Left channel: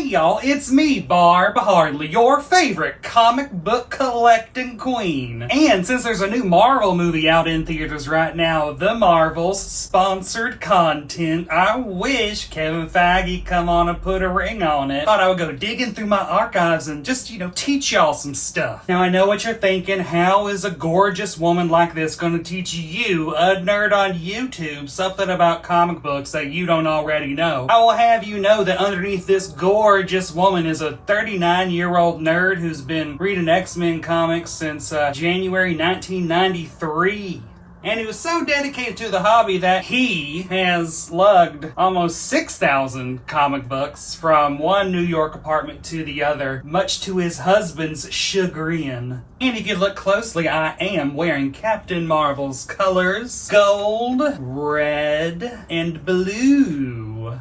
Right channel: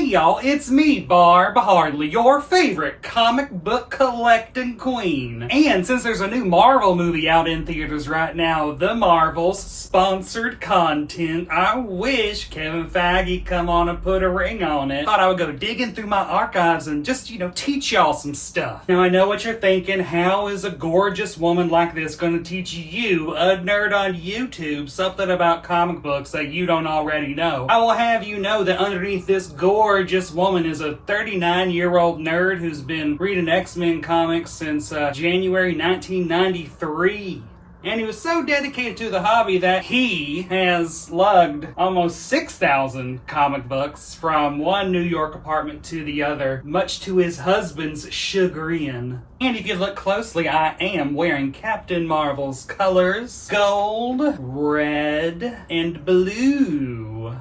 Hey y'all, it's me, Barb Hardly, your favorite comic book collecting queen. And since there's a new Marvel movie out in theaters right now, The Marvels, sponsored content, I wish Kevin Feige come on and put a ring on it. Thought I would go digging through my archives and just, teach y'all some stuff. Now I know what you're thinking, how is a gorgeous woman like this going to teach you, a nerd on YouTube, something about comic books that you don't already know? I will have you know that underneath this gorgeous woman is a 39-year-old nerd who's been reading X-Men comics since January 1993. And he was so dedicated to the hobby that he has lugged almost 6,000 comic books from one New York apartment to the other, much to his husband's chagrin. And if you look closely, I am wearing Captain Marvel's colors: gold, red, and blue.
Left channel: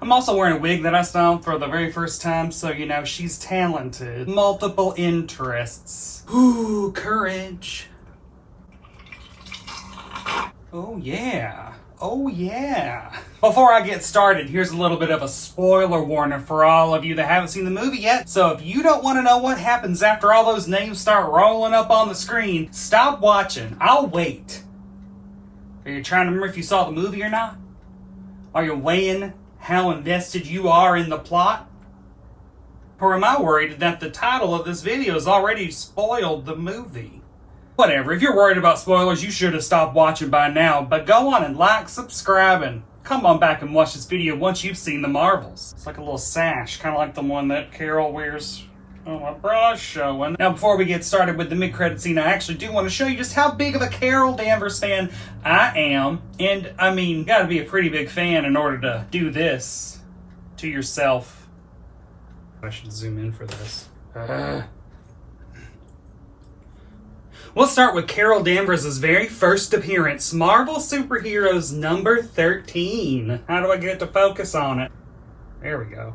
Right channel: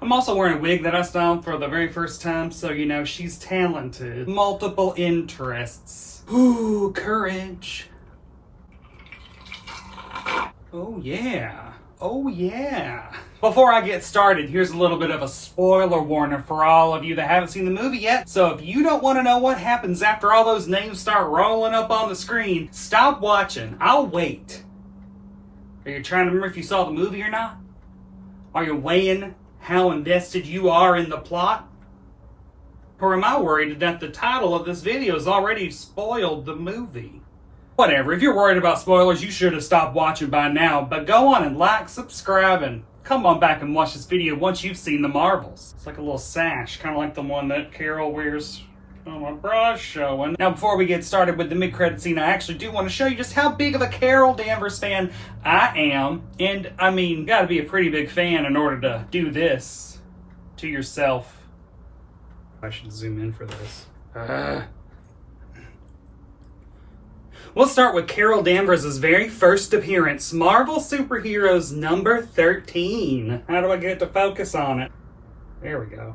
I'm also wearing a wig that I styled for the very first time, so she's talented. Multiple interests. Ooh, courage. Oh yeah. Oh yeah. Before I get started, here's a little bit of a spoiler warning for all of you that haven't seen the movie yet. So if you don't want to know what happens after all those names start rolling up on the screen, stop watching. I'll wait. Are you trying to remember if you saw the movie or not? Are you weighing how invested you are in the plot? Or am I worried that the title of this video has already spoiled the movie? Whatever, if you're worried about spoilers, you should have stopped watching by now, but go on and like, subscribe, and come on back and watch this video once you've seen the Marvels. It's like a little sash, kind of like the one that Carol wears. Oh, my bra's showing. Now, before we get started with the mid-credit scene, I actually do want to show you just how big of a Carol Danvers fan I am. And, gotta be a pretty big fan in order to do this to yourself. I should zoom in for this. We'll start with Carol Danvers' very first appearance, Marvel Superheroes number 13. How do I get to focus on it? There we go.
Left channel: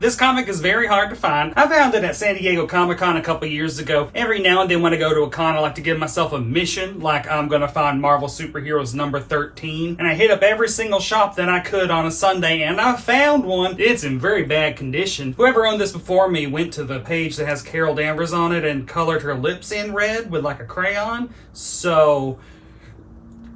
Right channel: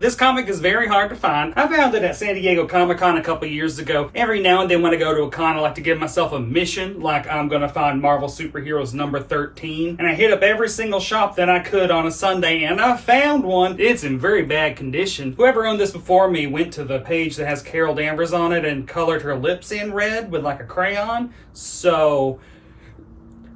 This comic is very hard to find. I found it at San Diego Comic-Con a couple years ago. Every now and then when I go to a con, I like to give myself a mission, like I'm going to find Marvel Superheroes number 13. And I hit up every single shop that I could on a Sunday, and I found one. It's in very bad condition. Whoever owned this before me went to the page that has Carol Danvers on it and colored her lips in red with like a crayon. So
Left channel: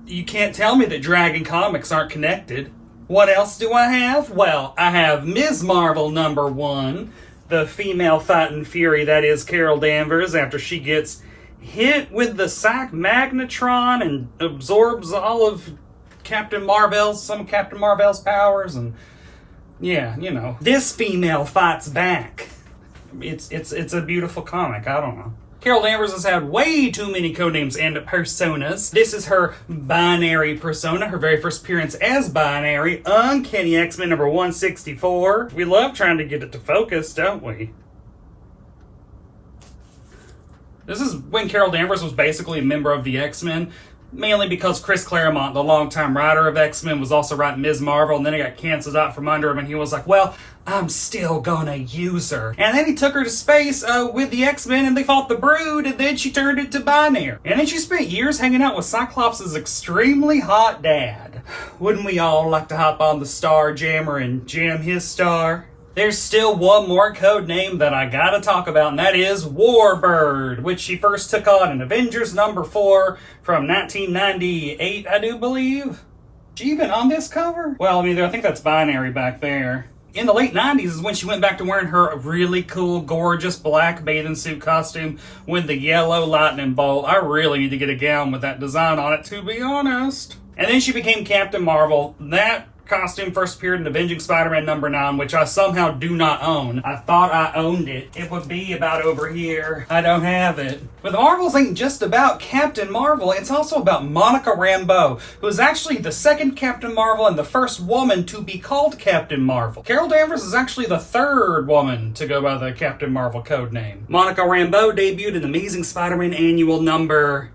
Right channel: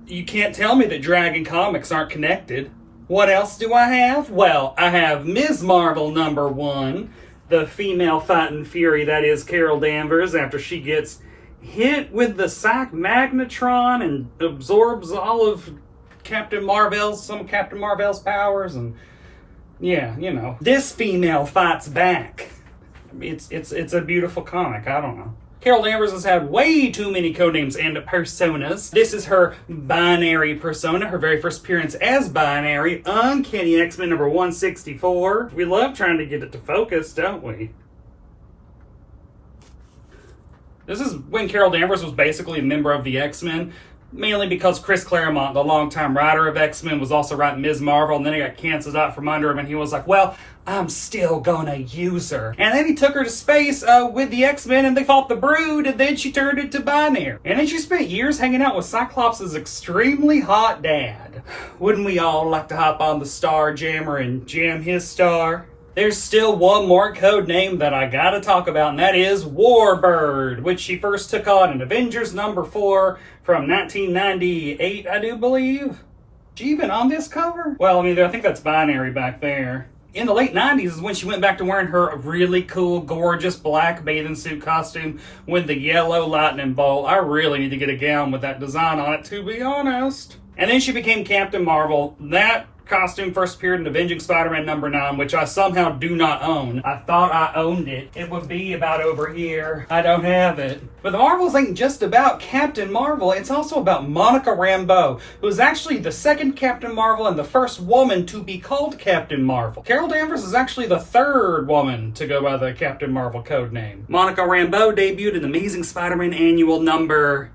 you can't tell me that Dragon Comics aren't connected. What else do I have? Well, I have Ms. Marvel number 1, the female fighting fury that is Carol Danvers after she gets hit with the Psych Magnetron and absorbs all of some of Captain Marvel's powers, and yeah, This female fights back. It's a beautiful comic, I don't know. Carol Danvers has had way too many codenames and personas. This is her binary persona, her very first appearance as binary, Uncanny X-Men number 164. We love trying to get it to focus, don't we? This is when Carol Danvers was basically a member of the X-Men, mainly because Chris Claremont, the longtime writer of X-Men, was also writing Ms. Marvel, and then he got canceled out from under him, and he was like, well, I'm still gonna use her. And then he took her to space with the X-Men, and they fought the Brood, and then she turned into binary. And then she spent years hanging out with Cyclops' extremely hot dad. Wouldn't we all like to hop on the Star Jammer and jam his star? There's still one more code name that I gotta talk about, and that is Warbird, which she first took on in Avengers number 4 from 1998, I do believe. Is she even on this cover? Well, I think that's binary back there. In the late 90s is when she went back to wearing her really cool, gorgeous black bathing suit costume with the yellow lightning bolt. I really need to get a gown with that design on it, to be honest. And then she became Captain Marvel. That costume first appeared in Avenging Spider-Man number 9, which I somehow do not own. I thought I owned it. It would be about over here. I don't have it. But the Marvels ain't just about Captain Marvel. It's also about Monica Rambeau, who is actually the second Captain Marvel and the first woman to be called Captain Marvel. Carol Danvers is actually the third woman to go by the Captain Marvel code name. Monica Rambeau debuted in Amazing Spider-Man Annual number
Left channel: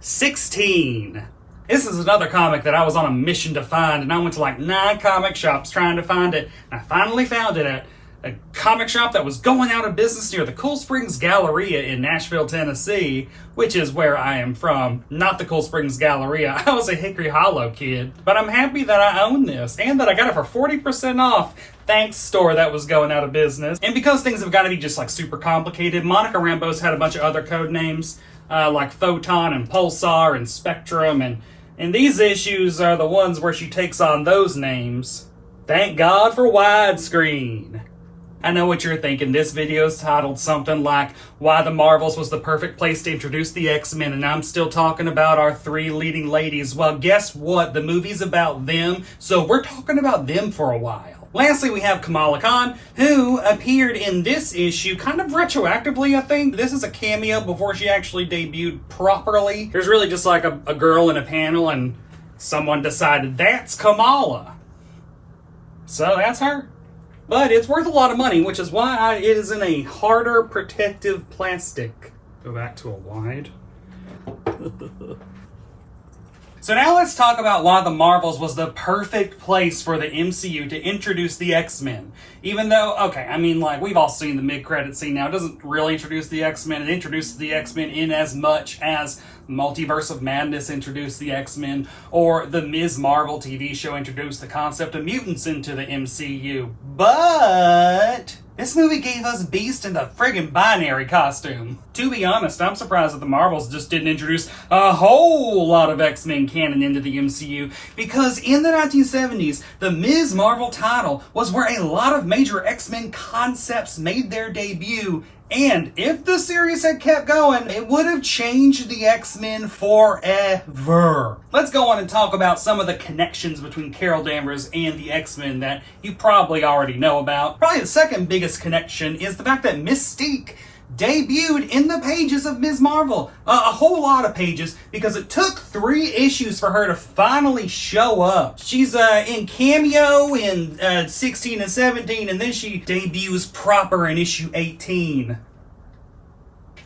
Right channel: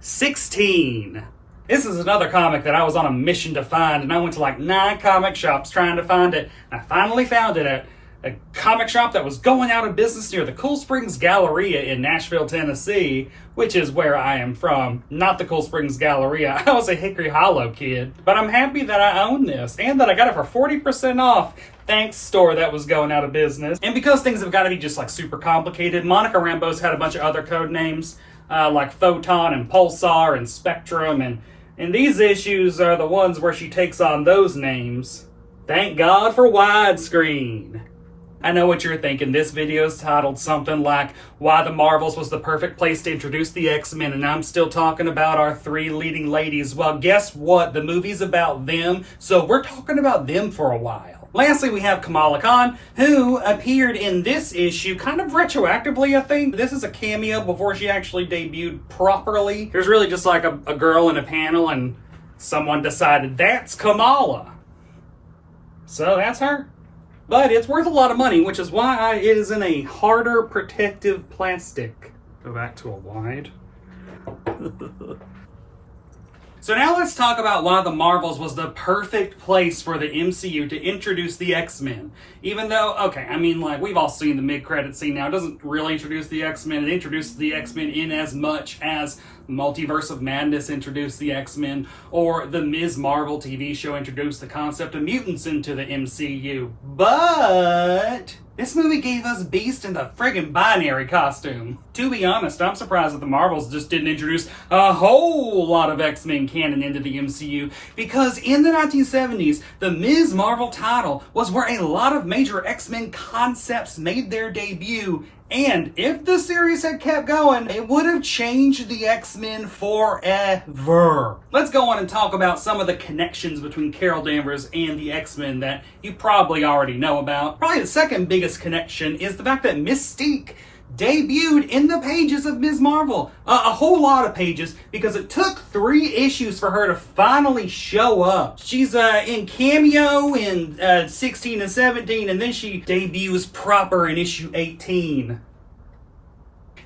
16. This is another comic that I was on a mission to find, and I went to like 9 comic shops trying to find it. I finally found it at a comic shop that was going out of business near the Cool Springs Galleria in Nashville, Tennessee, which is where I am from, not the Cool Springs Galleria. I was a Hickory Hollow kid, but I'm happy that I own this and that I got it for 40% off Thanks, store that was going out of business. And because things have got to be just like super complicated, Monica Rambeau's had a bunch of other code names, like Photon and Pulsar and Spectrum, and these issues are the ones where she takes on those names. Thank God for widescreen. I know what you're thinking. This video is titled something like Why the Marvels was the perfect place to introduce the X-Men, and I'm still talking about our three leading ladies. Well, guess what? The movie's about them, so we're talking about them for a while. Lastly, we have Kamala Khan, who appeared in this issue kind of retroactively, I think. This is a cameo before she actually debuted properly. There's really just like a girl in a panel, and someone decided that's Kamala. So that's her. But it's worth a lot of money, which is why it is in a harder protective plastic. Go back to a wide. So now let's talk about why the Marvels was the perfect place for the MCU to introduce the X-Men. Even though, okay, I mean, like, we've all seen the mid-credit scene now. It doesn't really introduce the X-Men. It introduces the X-Men in as much as Multiverse of Madness introduced the X-Men, or the Ms. Marvel TV show introduced the concept of mutants into the MCU. But this movie gave us Beast in the friggin' binary costume. To be honest, I'm surprised that the Marvels just didn't introduce a whole lot of X-Men canon into the MCU, because in the 1970s, the Ms. Marvel title was where a lot of major X-Men concepts made their debut. And if the series had kept going, it would have changed the X-Men forever. Let's go on and talk about some of the connections between Carol Danvers and the X-Men that you probably already know about. Probably the second biggest connection is the fact that Mystique debuted in the pages of Ms. Marvel. A whole lot of pages, because it took 3 issues for her to finally show up. She's in cameo in 16 and 17, and then she debuts proper in issue 18.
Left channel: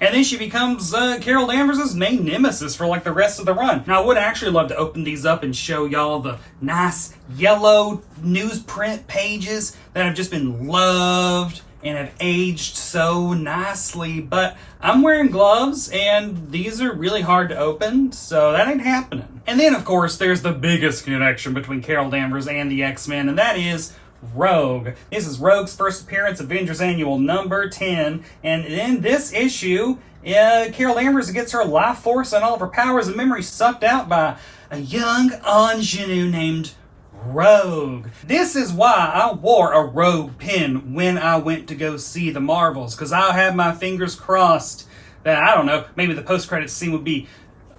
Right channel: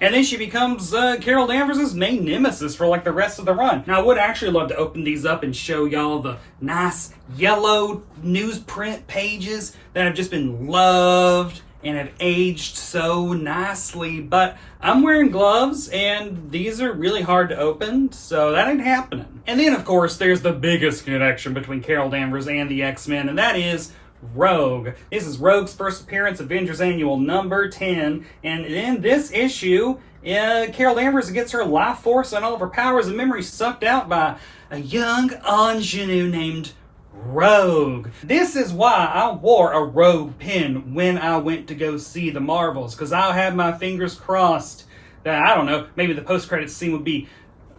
And then she becomes Carol Danvers' main nemesis for like the rest of the run. Now, I would actually love to open these up and show y'all the nice yellow newsprint pages that have just been loved and have aged so nicely, but I'm wearing gloves and these are really hard to open, so that ain't happening. And then, of course, there's the biggest connection between Carol Danvers and the X-Men, and that is Rogue. This is Rogue's first appearance, Avengers Annual number 10, and in this issue, Carol Danvers gets her life force and all of her powers and memories sucked out by a young ingenue named Rogue. This is why I wore a Rogue pin when I went to go see the Marvels, because I had my fingers crossed that, I don't know, maybe the post-credits scene would be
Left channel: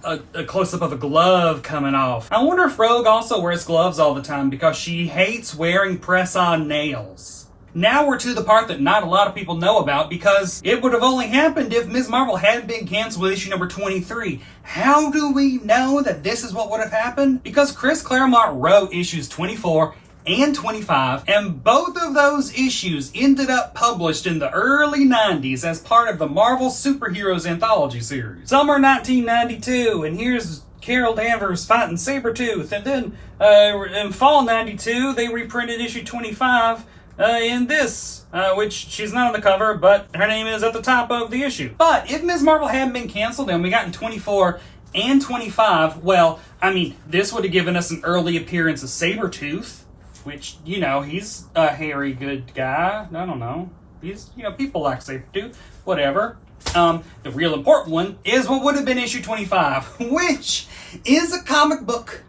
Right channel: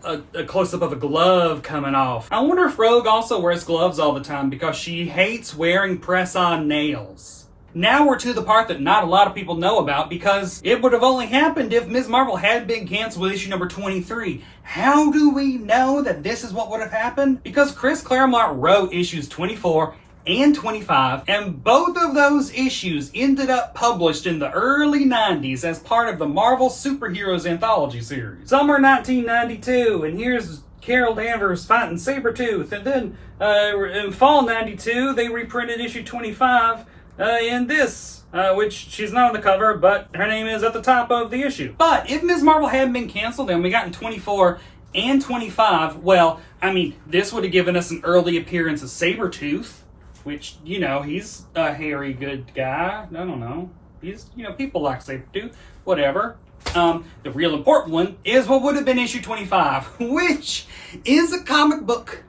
a close-up of a glove coming off. I wonder if Rogue also wears gloves all the time because she hates wearing press-on nails. Now we're to the part that not a lot of people know about, because it would have only happened if Ms. Marvel hadn't been canceled with issue number 23. How do we know that this is what would have happened? Because Chris Claremont wrote issues 24 and 25, and both of those issues ended up published in the early 90s as part of the Marvel Superheroes Anthology series. Summer 1992, and here's Carol Danvers fighting Sabretooth, and then in fall 92, they reprinted issue 25 in this, which she's not on the cover, but her name is at the top of the issue. But if Ms. Marvel hadn't been canceled and we got in 24 and 25, well, I mean, this would have given us an early appearance of Sabretooth, which, you know, he's a hairy good guy. I don't know. He's, you know, people like Sabretooth, whatever. The real important one is what would have been issue 25, which is a comic book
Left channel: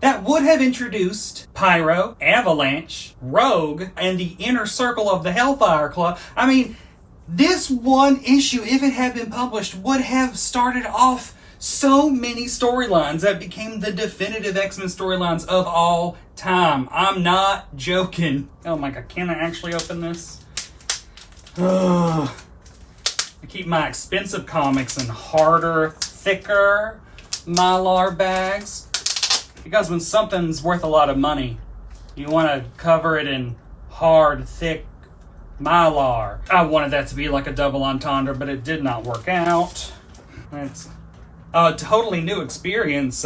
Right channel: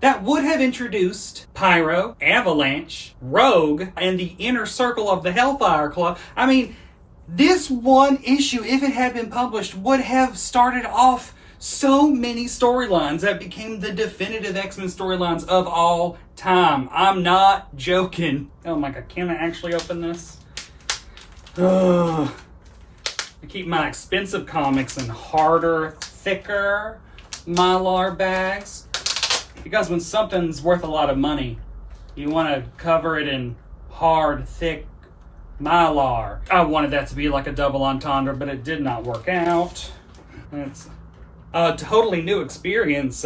that would have introduced Pyro, Avalanche, Rogue, and the inner circle of the Hellfire Club. I mean, this one issue, if it had been published, would have started off so many storylines that became the definitive X-Men storylines of all time. I'm not joking. Oh my god, can I actually open this? Ugh. I keep my expensive comics in harder, thicker Mylar bags, because when something's worth a lot of money, you want to cover it in hard, thick Mylar. I wanted that to be like a double entendre, but it did not work out. It's a totally new experience,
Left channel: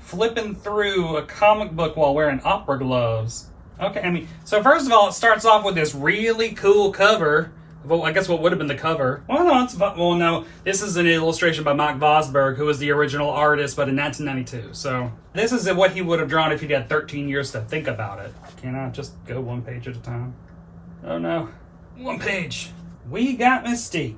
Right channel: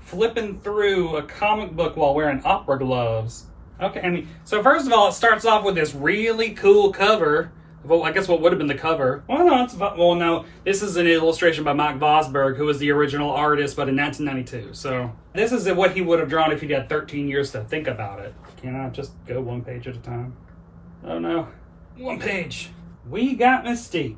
flipping through a comic book while wearing opera gloves. Okay, I mean, so first of all, it starts off with this really cool cover. Well, I guess what would have been the cover. No, this is an illustration by Mike Vosberg, who was the original artist, but in 1992. So this is what he would have drawn if he'd had 13 years to think about it. Can I just go one page at a time? Oh no. One page. We got Mystique.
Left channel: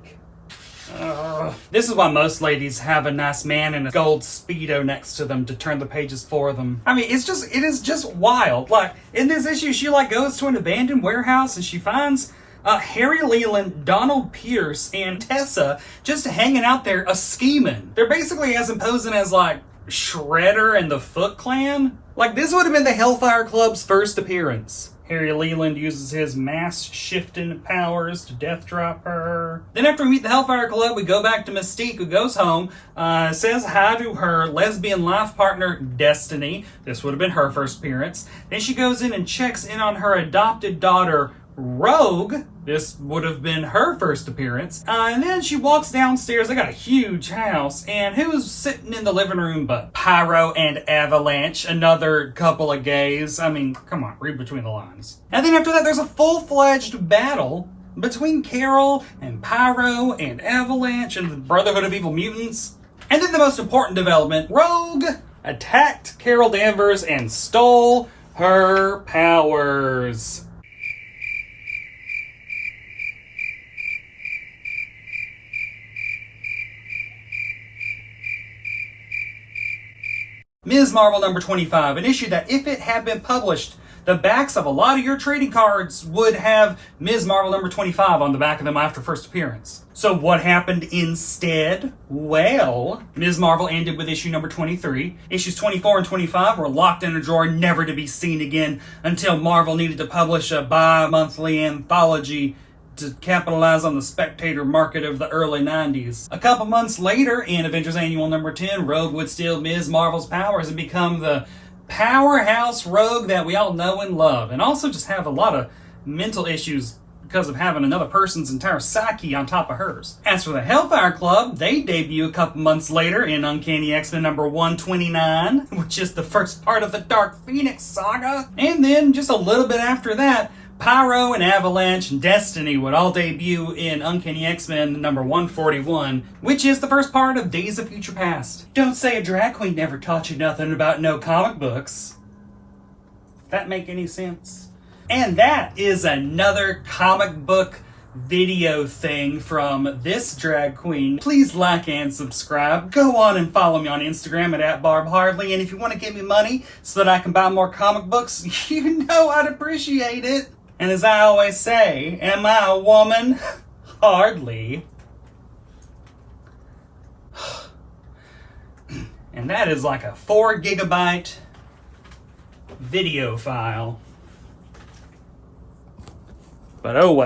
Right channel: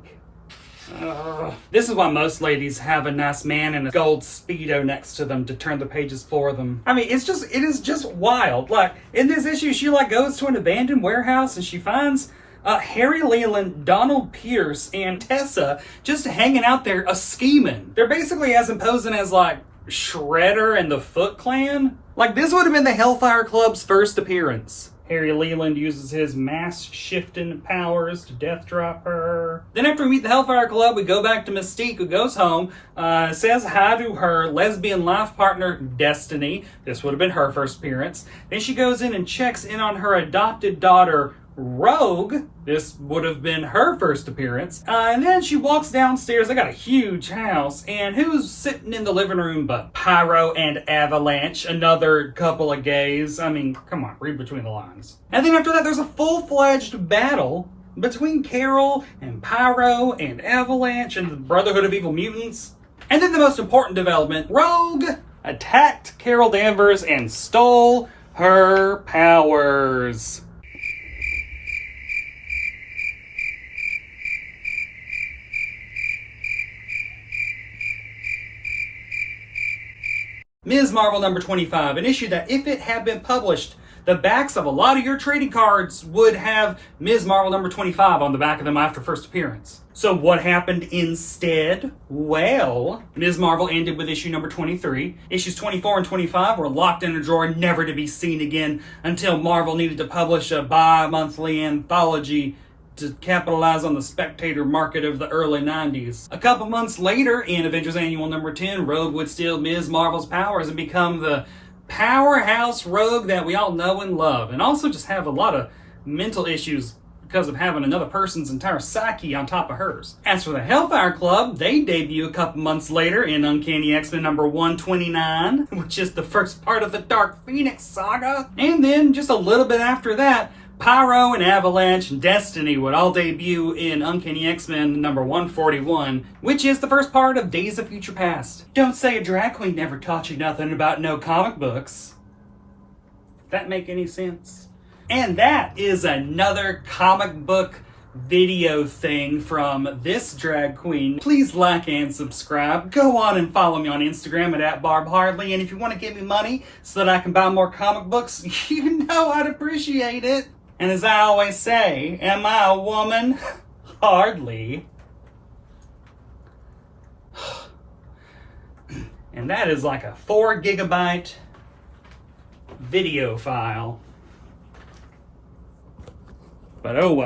This is why most ladies have a nice man in a gold Speedo next to them to turn the pages for them. I mean, it is just wild. Like, in this issue, she goes to an abandoned warehouse and she finds Harry Leland, Donald Pierce, and Tessa just hanging out there scheming. They're basically as imposing as Shredder and the Foot Clan. This would have been the Hellfire Club's first appearance. Harry Leland uses his mass-shifting powers to death drop her. Then after we meet the Hellfire Club, we go back to Mystique, who goes home, says hi to her lesbian life partner, Destiny. This would have been her first appearance. Then she goes in and checks in on her adopted daughter, Rogue. This would have been her first appearance. And then she walks downstairs. They got a huge house. And who's sitting in the living room but Pyro and Avalanche, another couple of gays? I mean, come on, read between the lines. And then after that, there's a full-fledged battle between Carol and Pyro and Avalanche and the Brotherhood of Evil Mutants. And then the most important development, Rogue attacked Carol Danvers and stole her powers. Ms. Marvel number 25, an issue that if it had been published, the backs of a lot of your trading cards would have Ms. Marvel number 25 on the back of them after first appearance. So what happened instead? Well, Ms. Marvel ended with issue number 23. Issues 24 and 25 were locked in a drawer, never to be seen again, until Marvel needed to publish a bi-monthly anthology to capitalize on the spectator market of the early 90s. A couple months later, in Avengers Annual number 10, Rogue would steal Ms. Marvel's powers and become the powerhouse Rogue that we all know and love, and also just have a lot of mental issues because of having another person's entire psyche on top of hers. As for the Hellfire Club, they debut a couple months later in Uncanny X-Men number 129, which is the first part of the Dark Phoenix saga. And then just a little bit after that, Pyro and Avalanche and Destiny would all debut in Uncanny X-Men number 141, which is the first part of Days of Future Past. Don't say a drag queen never taught you nothing about no comic books. That make any sense? And that is another comic book video thing from this drag queen. Please like and subscribe. Go on and follow me on Instagram at Barb Hardly. And if you want to give me money so that I can buy more comic books, you know I'd appreciate it. And as I always say, am I a woman? Hardly. And that is like a 4 gigabyte video file. But oh well.